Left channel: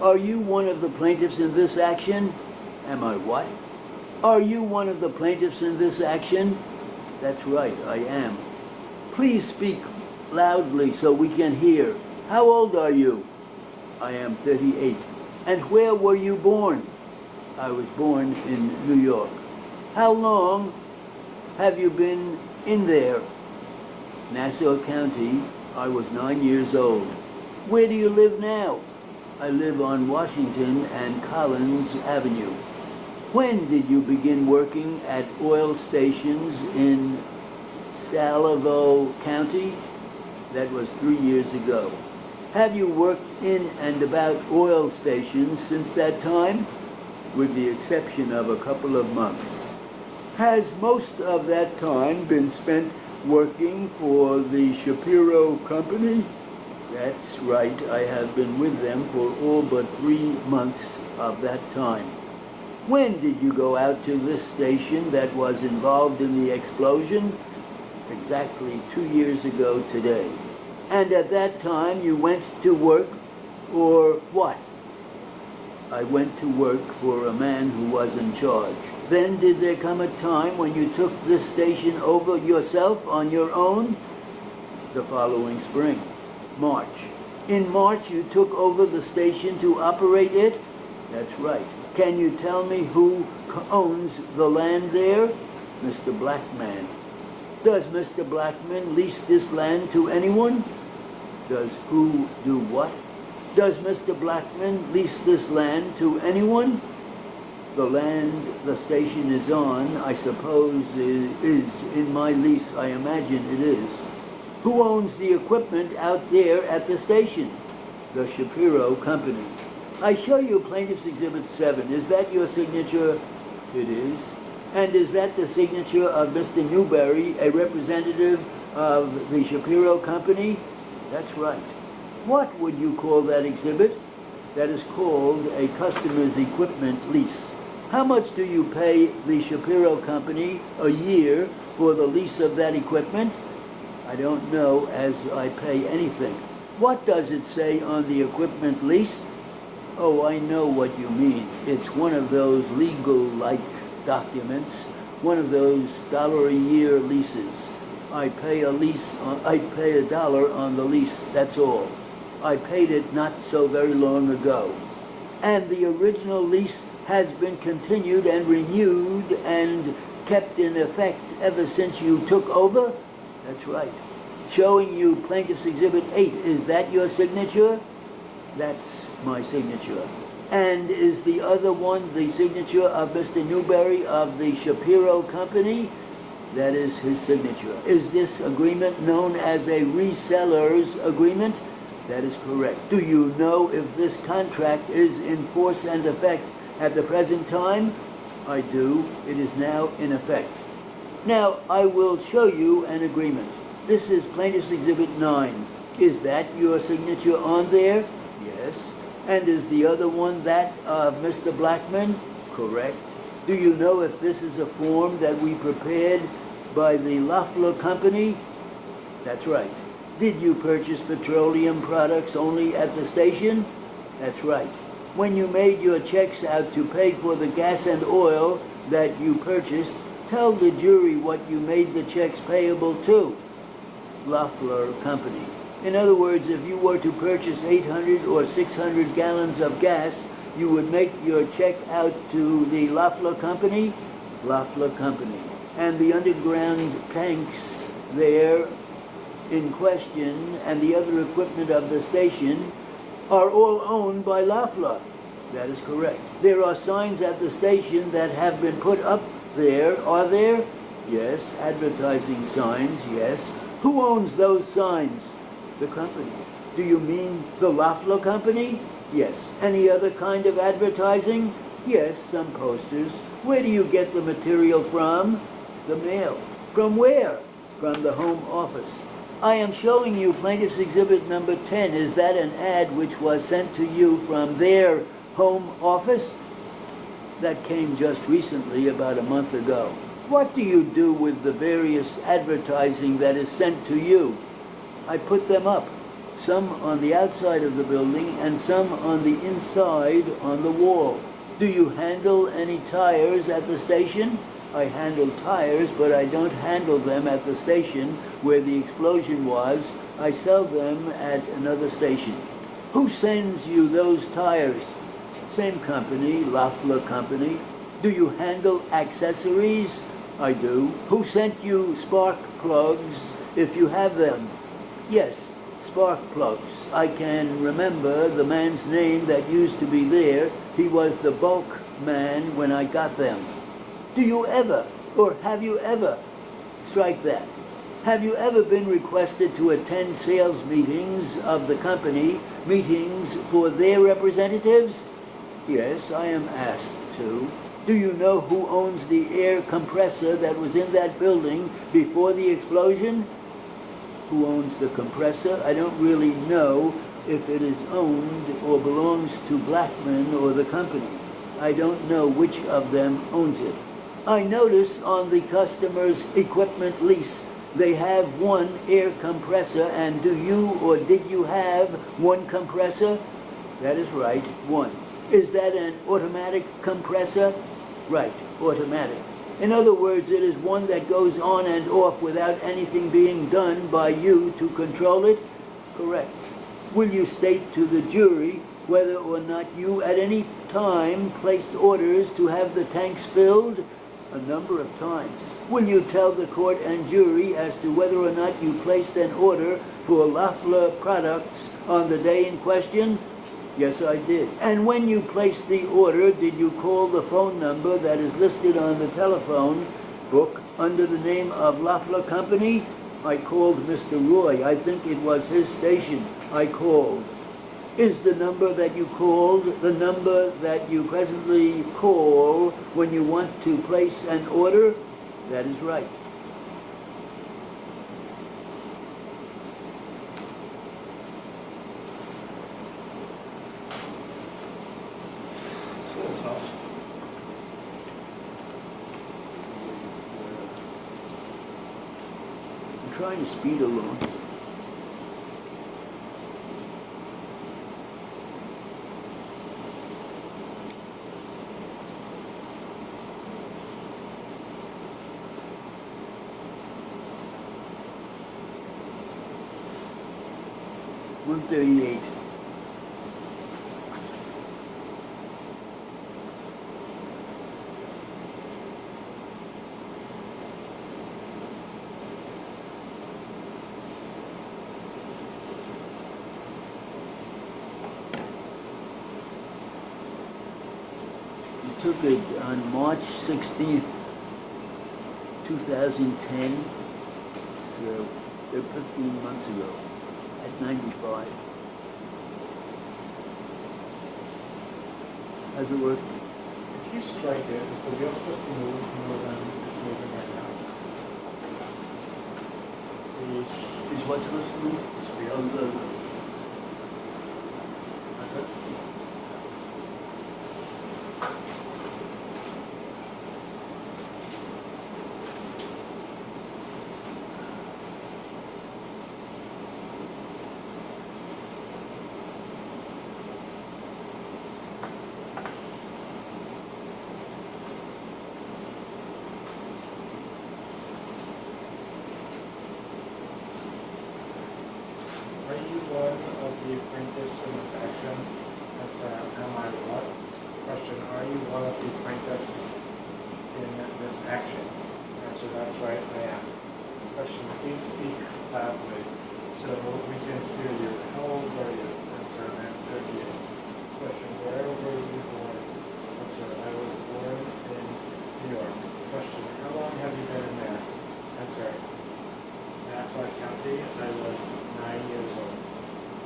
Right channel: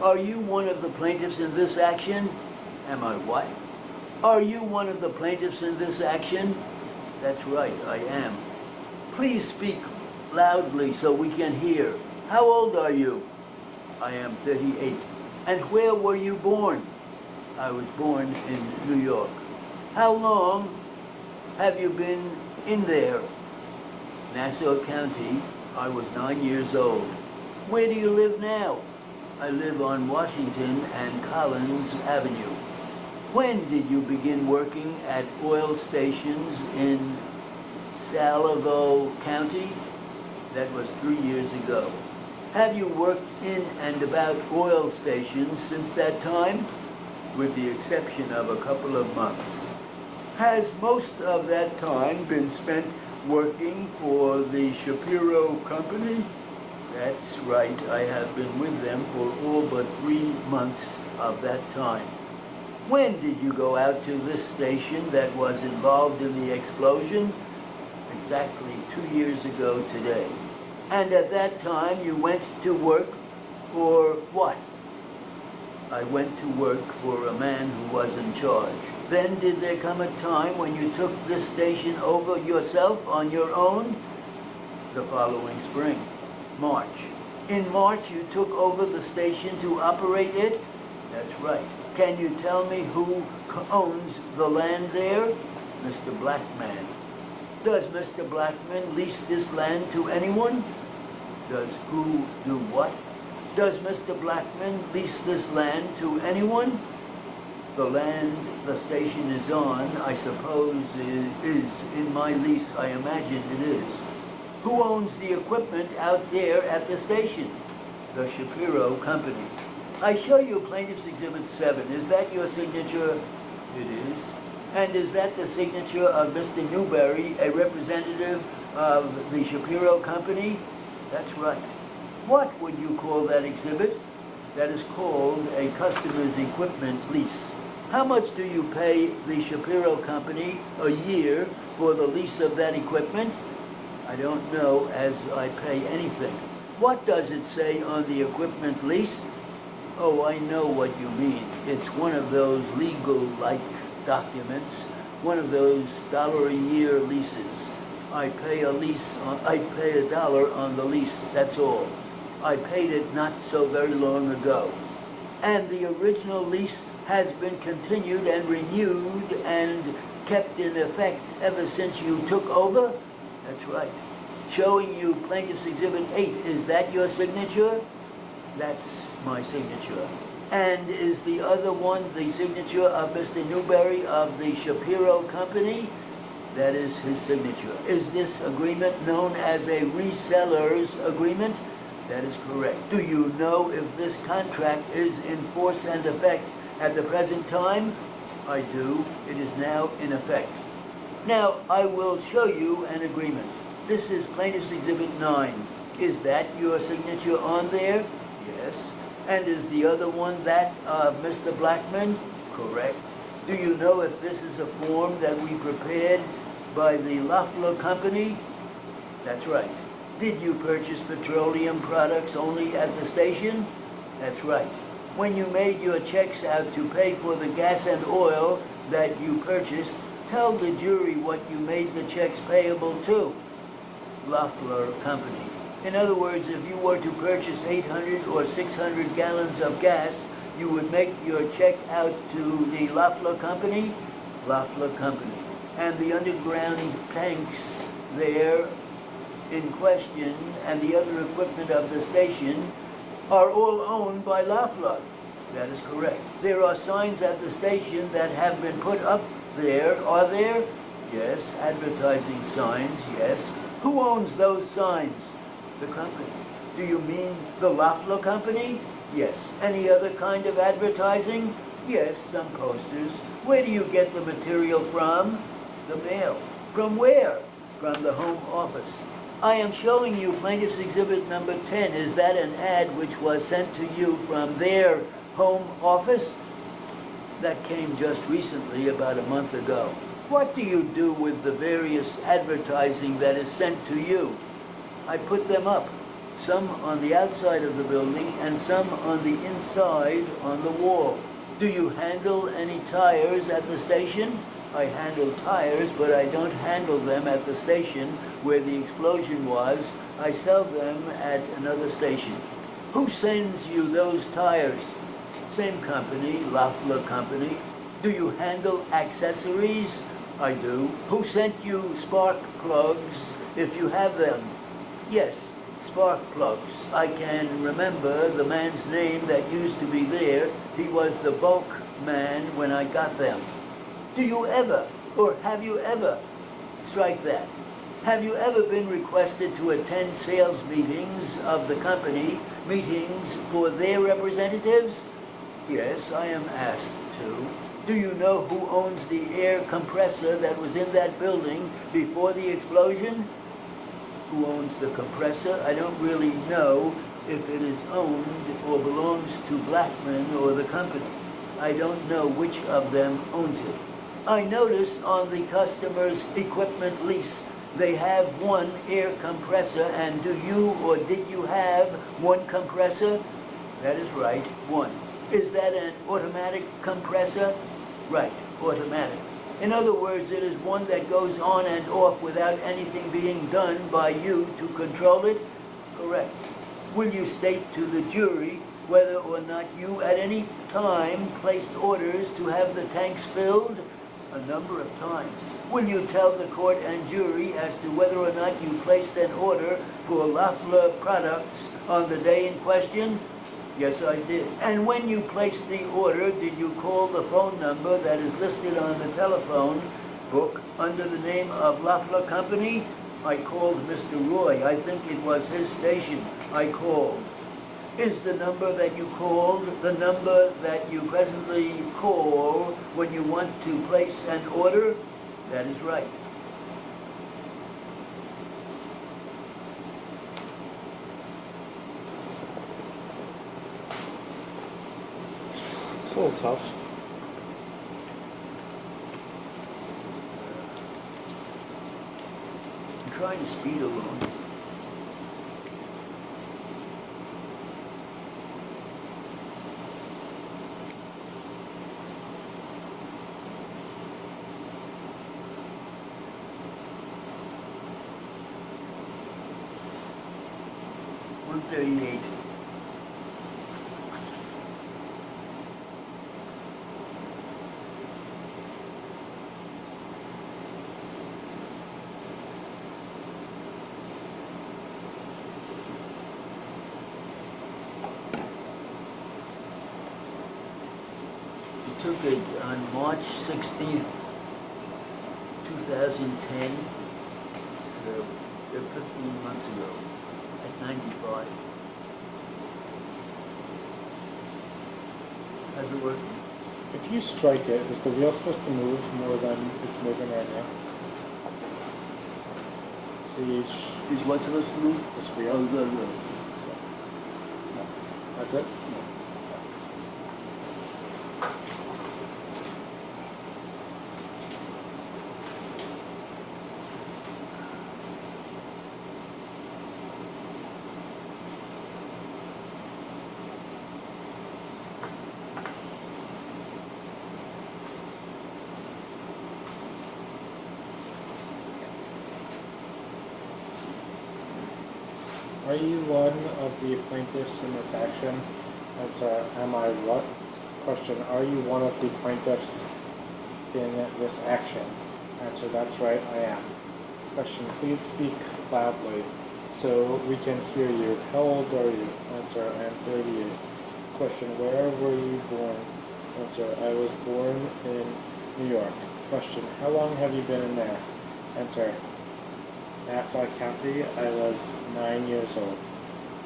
Are you one of the plaintiffs in this action? Am I what? Are you one of the plaintiffs in this action? That's right, I am. Please speak loudly so we can hear. How old are you? I am 38. And where were you born? I was born in New York. How long have you been in there? Nassau County. I was 9 years old. Where do you live now? I live on Washington and Collins Avenue. When did you begin working at oil stations in Salavo County? That was 3 years ago. Have you worked in and about oil stations since that time? With the exception of a couple of months. Has most of that time been spent working for the Shapiro Company? That's right, I have been with them for all but 3 months of that time. When did you go out to this station that was involved in the explosion? Exactly 2 years ago today. And at that time you went to work for what? I went to work for a man who was in charge. Then did there come a time when you took this station over yourself on your own? The following spring, March. In March you took over the station to operate it? That's right. Can you tell me who owns the land there? Mr. Blackman. Does Mr. Blackman lease this land to anyone? Does who do what? Does Mr. Blackman lease this land to anyone? The land the station is on, I suppose, is in my lease. I imagine it is. Who owns the equipment out there at the station? The Shapiro Company. I show you Plaintiff's Exhibit 7. Is that your signature? It is. And is that the signature of Mr. Newberry, a representative of the Shapiro Company? That's right. What would you call that exhibit? That is called a customer's equipment lease. How much do you pay the Shapiro Company a year for the lease of that equipment? I don't know as I pay anything. What does it say on the equipment lease? Oh, I know what you mean. It's one of those legal-like documents, one of those $1 a year leases. I pay $1 on the lease, that's all. I paid it not so very long ago. And the original lease has been continued and renewed and kept in effect ever since you took over? That's right. Showing you Plaintiff's Exhibit 8. Is that your signature? That's my signature. And is the other one the signature of Mr. Newberry of the Shapiro Company? That is his signature. Is this agreement known as a reseller's agreement? That is correct. Do you know if this contract is in force and effect at the present time? I do. It is now in effect. Now, I will show you an agreement. This is Plaintiff's Exhibit 9. Is that your signature on there? Yes. And is the other one that of Mr. Blackman? Correct. Do you know if this is a form that we prepared by the Loeffler Company? That's right. Did you purchase petroleum products only at the station? That's right. When you made your checks out to pay for the gas and oil that you purchased, tell the jury what you made the checks payable to. Loeffler Company. In other words, if you were to purchase 800 or 600 gallons of gas, you would make your check out to the Loeffler Company? Loeffler Company. And the underground tanks there in question and the other equipment of the station are all owned by Loeffler. That is correct. There are signs at the station that have been put up there. Are there? Yes. Advertising signs, yes. Who owns those signs? The company. Do you mean the Loeffler Company? Yes. Any other kind of advertising? Yes, some posters. Where do you get the material from? The mail. From where? From the Home Office. I am showing you Plaintiff's Exhibit number 10. Is that an ad which was sent to you from their Home Office? That came just recently, about a month ago. What do you do with the various advertising that is sent to you? I put them up. some on the outside of the building, and some on the inside on the wall. Do you handle any tires at the station? I handle tires, but I don't handle them at the station where the explosion was. I sell them at another station. Who sends you those tires? Same company, Lafler Company. Do you handle accessories? I do. Who sent you spark plugs if you have them? Yes, spark plugs. I can remember the man's name that used to be there. He was the bulk man when I got them. Do you ever, or have you ever, strike that, have you ever been requested to attend sales meetings of the company, meetings for their representatives? Yes, I am asked to. Do you know who owns the air compressor that was in that building before the explosion? Who owns the compressor? I don't really know if it is owned or belongs to Blackman or the company. I don't know which of them owns it. I notice on the customer's equipment lease they have one air compressor, and do you or did you have one compressor? That is right, one. Is that an automatic compressor? Right, automatic. In other words, it is one that goes on and off without anything being done by you to control it? Correct. Will you state to the jury whether or not you at any time placed orders to have the tanks filled? A number of times. Will you tell the court and jury as to whether or not you placed an order for Lafler products on the day in question? Yes, I did. And when you placed the order, did you call the phone number that is listed on the telephone book under the name of Lafler Company? I called Mr. Roy. I think it was his station. I called. Is the number that you called the number that you presently call when you want to place an order? That is right. So tough. I'm trying to speed along. $138. We took it on March 16th, 2010, so 15 months ago. At 95. How's it working? If you strike it, is the wheel supposed to move more than it's moving right now? See, Is what supposed to move? this wheel. Oh, go. That's it. Are you one of the plaintiffs in this action? Answer, am I what? Question, are you one of the plaintiffs in this action? Answer, that's right, I am. Question, please speak loudly so we can hear you. How old are you? Answer, I am 38. Question, where were you born? Answer, I was born in New York. Question, how long have you been in there? Answer, Nassau County, I was 9 years old.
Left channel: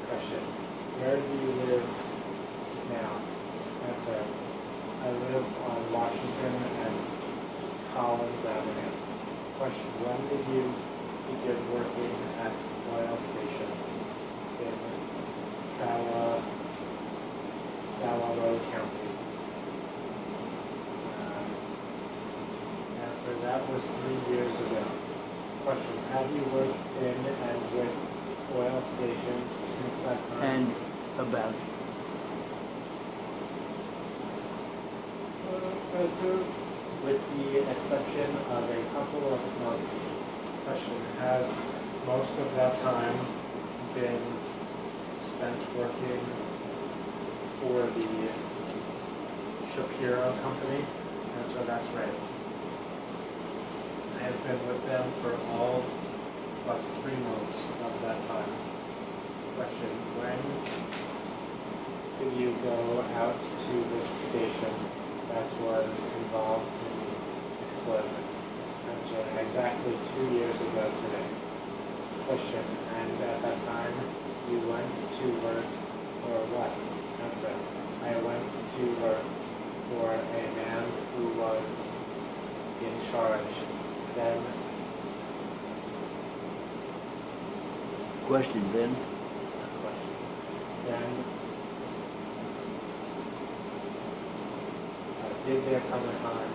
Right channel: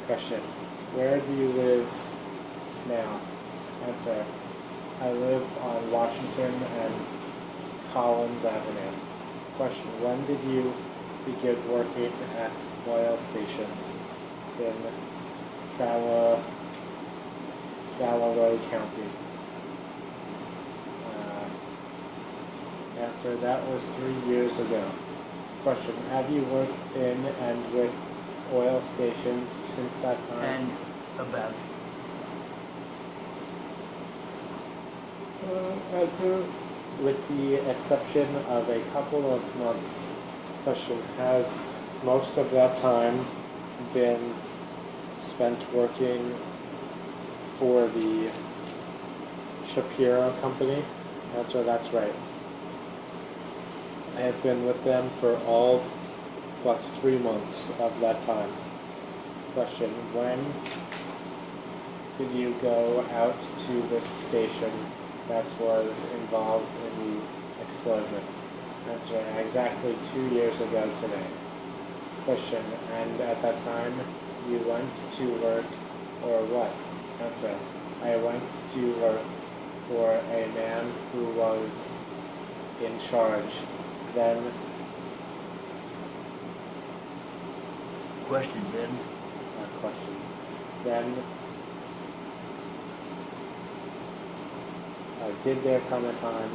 Question, where do you live now? Answer, I live on Washington and Collins Avenue. Question, when did you begin working at oil stations in Salaloi County? Answer, that was 3 years ago. Question, have you worked in and with oil stations since that time? And about Answer with the exception of a couple of months. Question: has most of that time been spent working for the Shapiro Company? Answer: that's right. I have been with them for all but 3 months of that time. Question: when did you go out to this station that was involved in the explosion? Answer: exactly 2 years ago today. Question: and at that time you went to work or what? Answer: I went to work for a man who was in charge. Then question then. question. Then did there come a time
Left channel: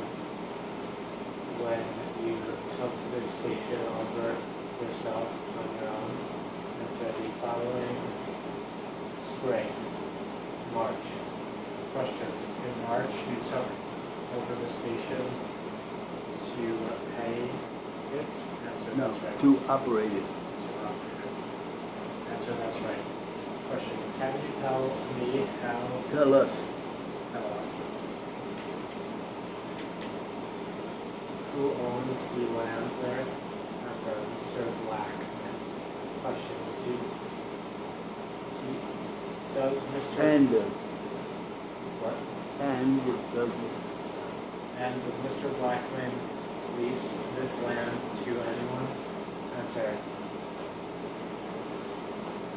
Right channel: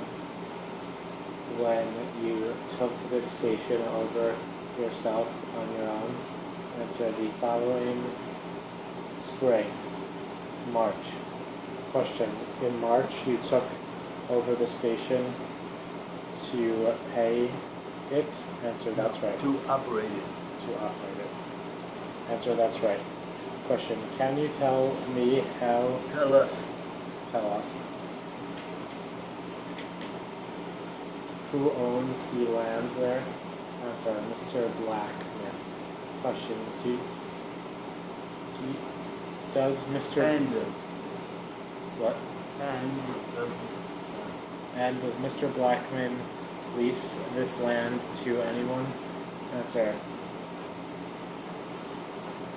when you took this station over yourself on your own? Answer: the following spring, March. Question: in March you took over the station to pay it? Answer: that's right. To operate it. To operate it. Answer: that's right. Question: can you tell me how? Tell us. Tell us. Who owns the land there? Answer: Mr. Blackman. Question: does Mr. And What? and And does Mr. Blackman lease this land to anyone? Answer:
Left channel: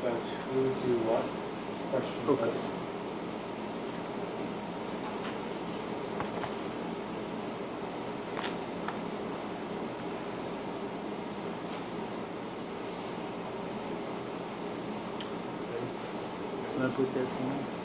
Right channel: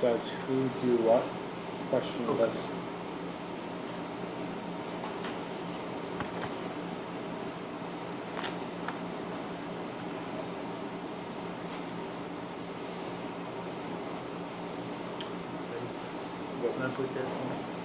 does who do what? Question: Okay. does Can I put that down?